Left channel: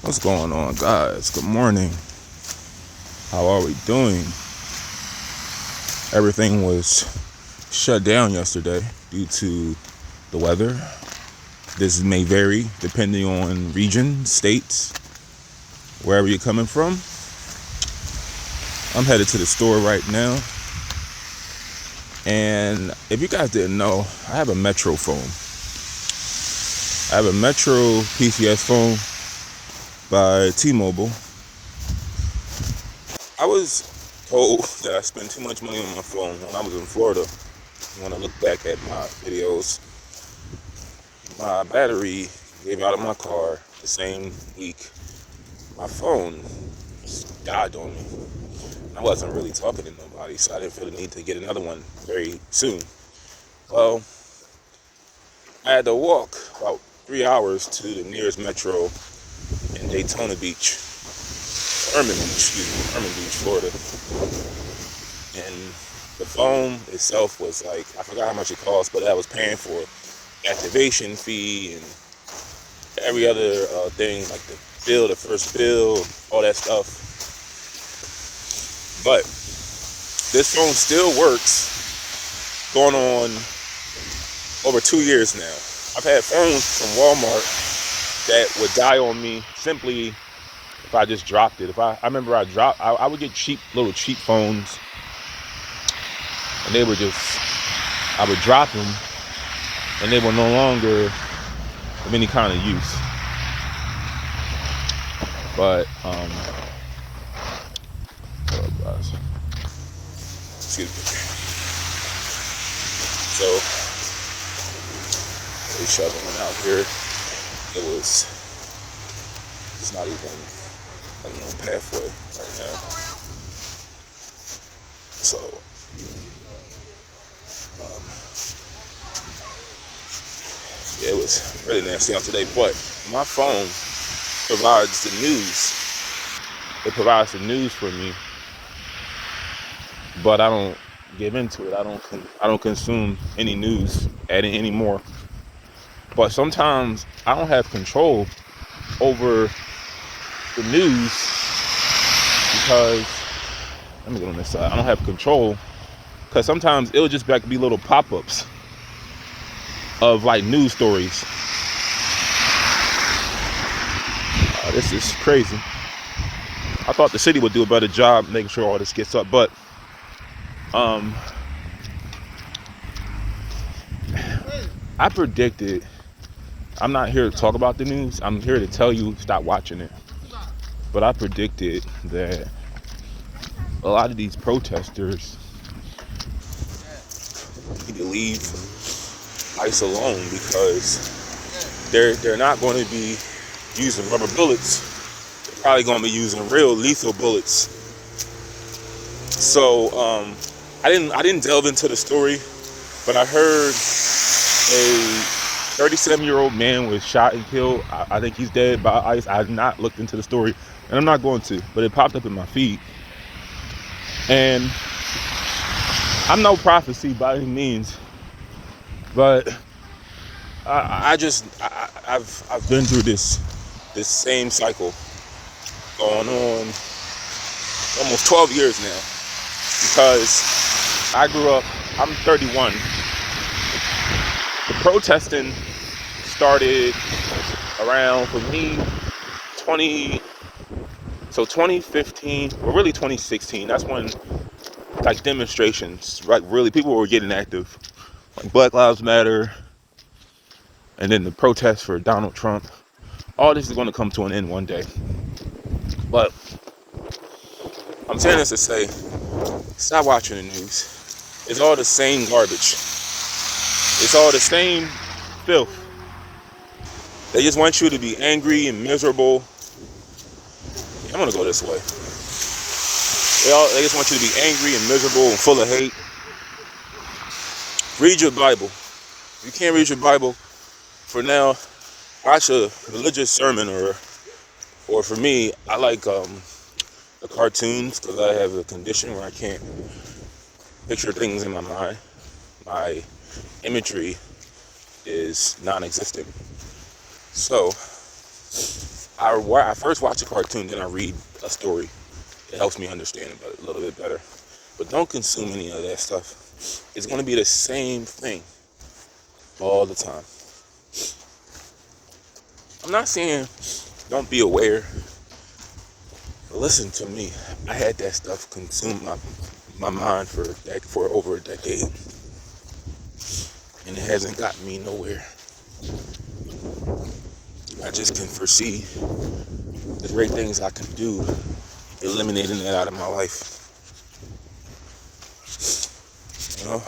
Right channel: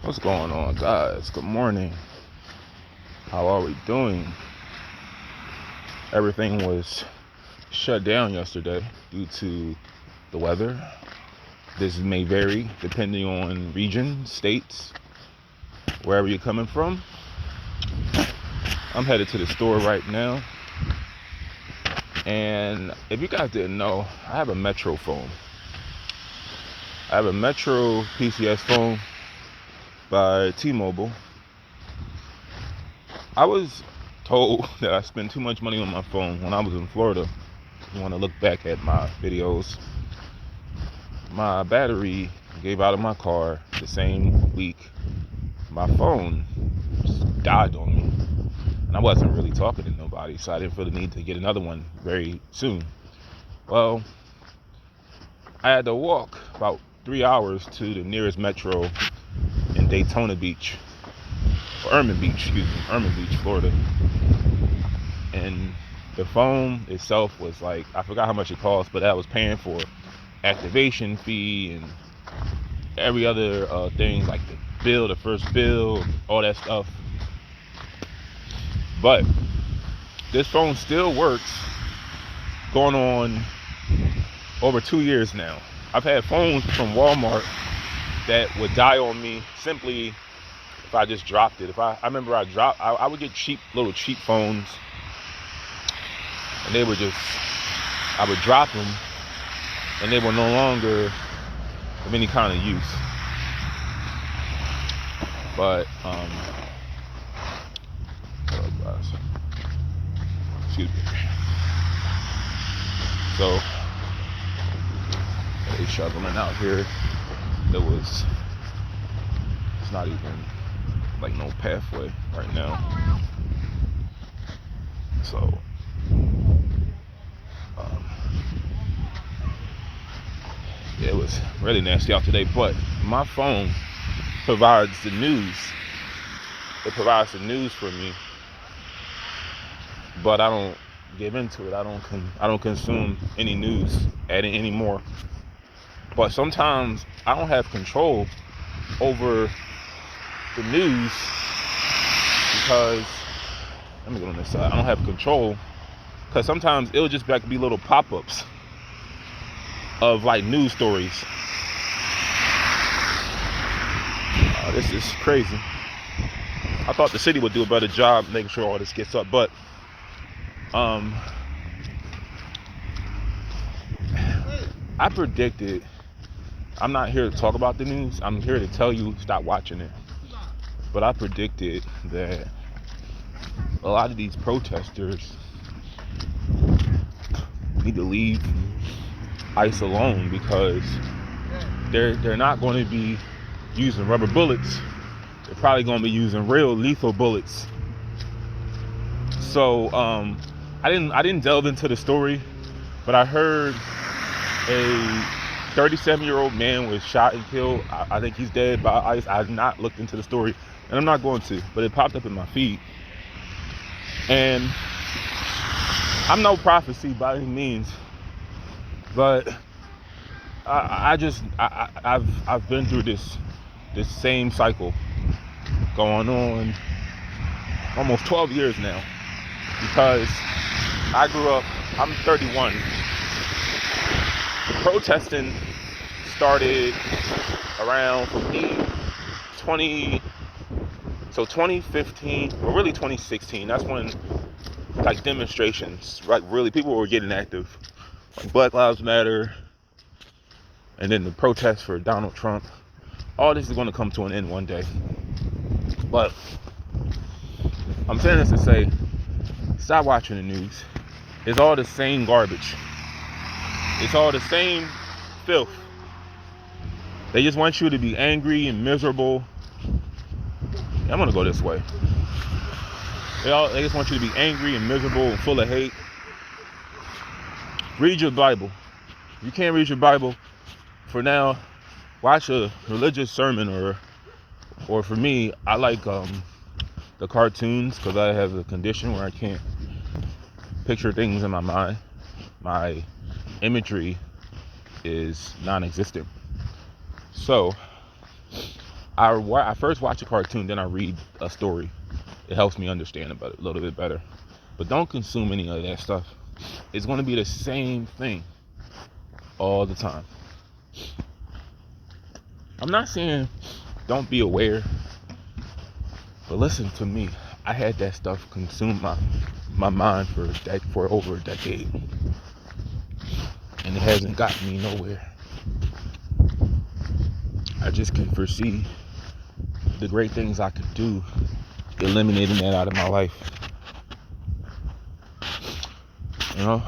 What's going on, guys? Good morning. How are we doing? Everything was shut down yesterday due to the weather. This may vary depending on region, states, wherever you're coming from. I'm headed to the store right now. And if you guys didn't know, I have a Metro phone. I have a Metro PCS phone by T-Mobile. I was told that I spent too much money on my phone when I was in Florida. When I look back at my videos, my battery gave out of my car the same week. My phone just died on me. And I wasn't really talking to nobody, so I didn't feel the need to get another one very soon. Well, I had to walk about 3 hours to the nearest Metro in Daytona Beach, Irving Beach, Florida. And the phone itself was like, I forgot how much it cost, but I was paying for activation fee and every other thing, like the first bill, all that stuff. But this phone still works, going on over 2 years now. I've had phones from Walmart that would die on me simply if I just dropped it. I remember I would get little cheap phones, and I would drop them, and they were no longer of any kind of use. But, excuse me. So, they shoveling out here. It's not even like no pathway right now. So, it was really nasty out today. But my phone provides the news. It provides the news for me, but I don't give into it. I don't consume any news anymore. But sometimes I don't have control over the news because, let me go on this side. I don't have control because sometimes it'll just be little pop-ups of like news stories. This is crazy. I thought the city would do a better job making sure all this gets up, but I predicted, I'm not here to talk about the news, I'm here to tell you stop watching it. But I predicted that a lot of these protesters need to leave ICE alone because they're not going to be using rubber bullets. They're probably going to be using real lethal bullets. So I didn't delve into the story, but I heard a 37-year-old man was shot and killed. I think he's dead by ICE. I've not looked into the story, and I'm not going to, but it popped up in my feed. And I'm no prophecy by any means, but I've been through this same cycle going on almost 12 years now, because I'm 31. The protesting started around, for me, 2015, well, really 2016. That's when, like, demonstrations, like, really people were getting active, like Black Lives Matter, and then the protests for Donald Trump. All this is going to come to an end one day. But I'm saying this to say, stop watching the news. It's all the same garbage. It's all the same filth. They just want you to be angry and miserable. Yeah, I'm going to go this way. They just want you to be angry and miserable and full of hate. Read your Bible. If you can't read your Bible, for now, watch a religious sermon, or for me, I like the cartoons, because I have a condition where I can't picture things in my mind. My imagery is non-existent. So I first watch a cartoon, then I read a story. It helps me understand it a little bit better. But don't consume any of that stuff. It's going to be the same thing all the time. I'm not saying don't be aware, but listen to me. I had that stuff consume my mind for over a decade, and it hasn't gotten me nowhere. I just can foresee the great things I can do eliminating that out of my life. You know,